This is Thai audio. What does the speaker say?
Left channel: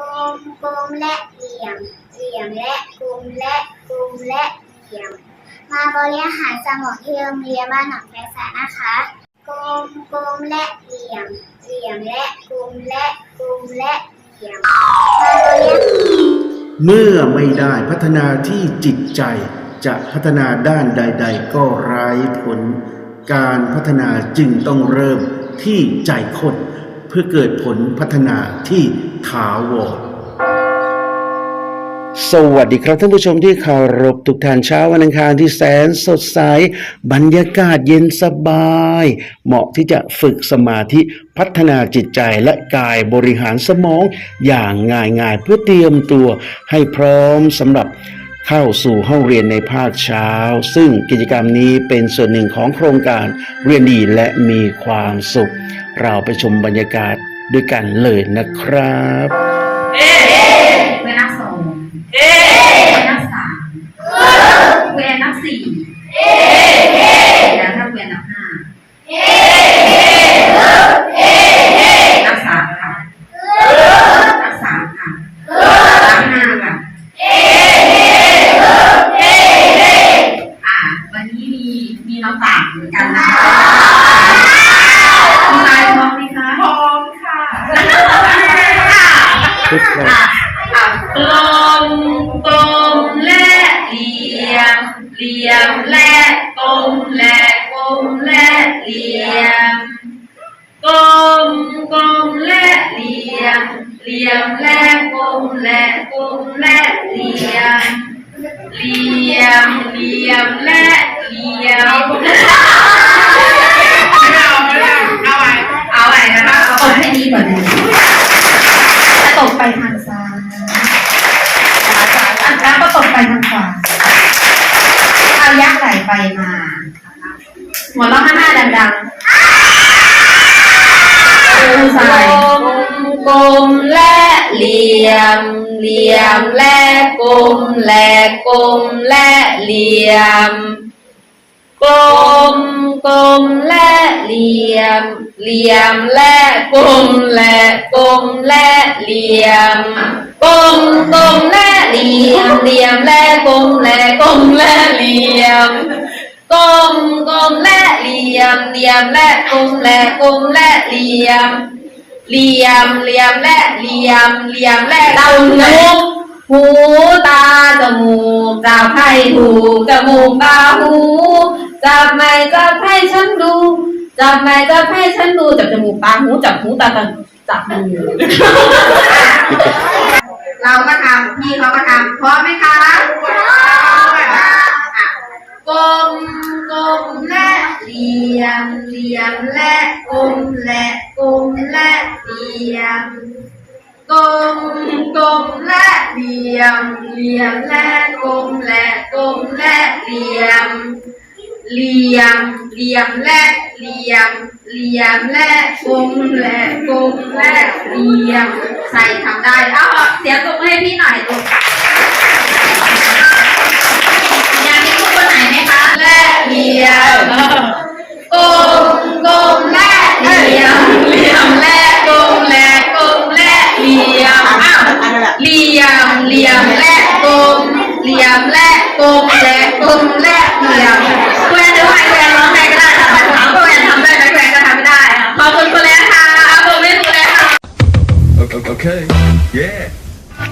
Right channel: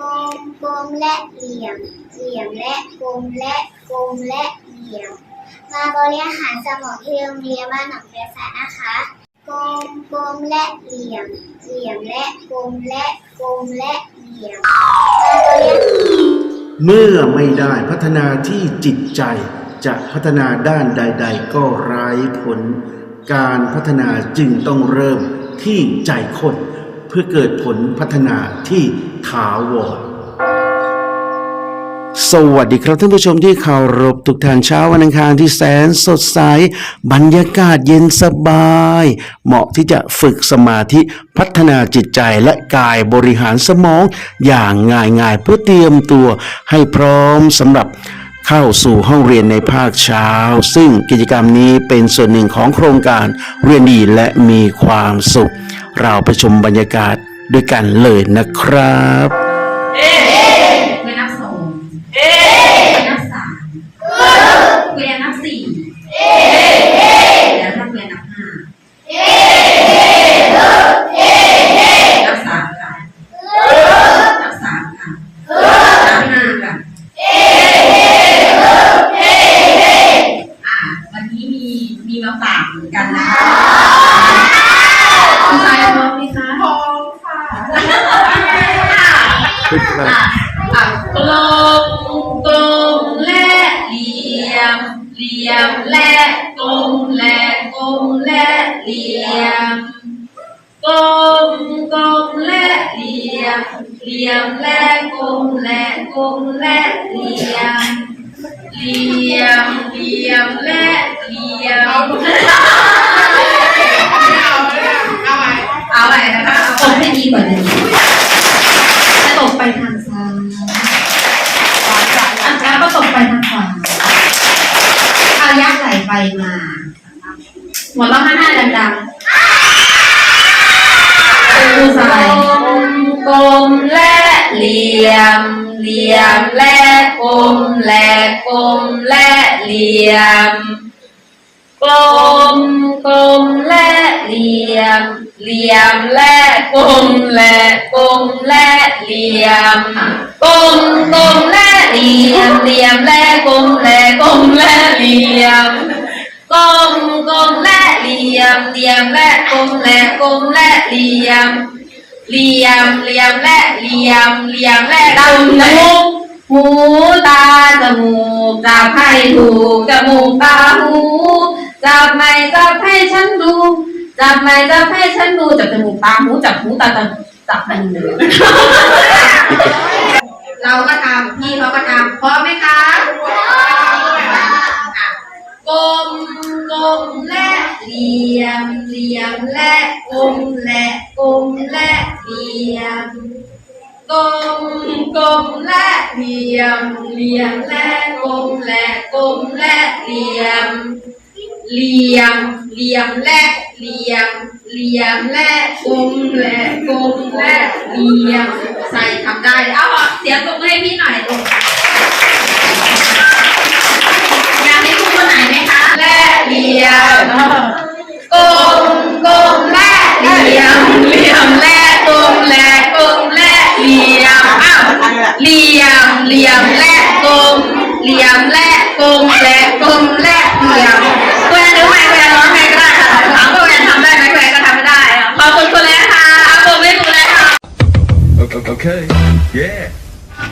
กลมกลมและเหลี่ยม เหลี่ยมและกลมและกลมและเหลี่ยม มาบริหารสมองที่โรงเรียนบ้านหนองแปซะนะคะกลมกลมและเหลี่ยม เหลี่ยมและกลมและกลมและเหลี่ยม มาบริหารเมื่อไม่ได้พัฒนาที่จิตใจจะพัฒนาด้านใด ๆ ก็ไร้ผล การพัฒนาจึงต้องเริ่มที่ใจคน พื่อเกิดผลพัฒนาที่ถาวรสวัสดีครับท่านผู้ชมที่เคารพทุกท่านเช้าวันอังคารที่แสนสดใส บรรยากาศเย็นสบาย เหมาะที่จะฝึกสมาธิพัฒนาจิตใจและกายบริหารสมองอย่างง่ายๆเพื่อเตรียมตัวให้พร้อมสำหรับเข้าสู่ห้องเรียนในภาคเช้า ซึ่งกิจกรรมนี้เป็นส่วนหนึ่งของโครงการเรียนดีและมีความสุข เราไปชมบรรยากาศด้วยกันเลยนะครับเอเวนับสองเอเวนับสามเวนับสี่เอแล้วถ้าเวนับห้าเอเอนับสามค่ะนับสามค่ะนับห้าค่ะเอ่าวันนี้มีมีน้องต่างเหมือนกันนะคะ คุณชายพร้อมไหมคะพร้อมค่ะทุกครั้งอะกลมกลมและเหลี่ยมเหลี่ยมและกลมและกลมและเหลี่ยมกลมกลมและเหลี่ยมเหลี่ยมและกลมและกลมและเหลี่ยมเหลี่ยมเหลี่ยมและเหลี่ยมเอาไว้นะคะเอาตบให้ดีกว่านี้จะตบไปทางซ้ายอันแล้วก็ตบไปทางขวาเอายักษ์ไหลไปมาหั วเราะข้างหน้าดังๆดูใส่กลมและเหลี่ยม เหลี่ยมและกลมและกลมและเหลี่ยม กลมกลมและเหลี่ยม เหลี่ยมและกลมและกลมและเหลี่ยม กลมกลมและเหลี่ยม เหลี่ยมและกลมและกลมและเหลี่ยม กลมกลมและเหลี่ยมเหลี่ยมและกลมและกลมและเหลี่ยม เหลี่ยมเหลี่ยมและเหลี่ยมเหลี่ยมและดำหูหูตาจมูกจับให้ถูกจมูกตาหูจับไม่จับให้ฉันดูจับไม่จับให้ฉันดูจับจมูกตาหูจับหูตาตาจับหูเราก็ทำพี่เขาก็ทำพร้อมไหมคะ กลมกลมและเหลี่ยมเหลี่ยมและกลมและกลมและเหลี่ยมกลมกลมและเหลี่ยมเหลี่ยมและกลมและกลมและเหลี่ยมเหลี่ยมเหลี่ยมและเหลี่ยมเหลี่ยมและกลมและกลมและเหลี่ยมใส่ทำได้เอาเสียงปรบมือให้พี่หน่อยลูก ลี่ยมกลมกลมและเหลี่ยมเหลี่ยมและก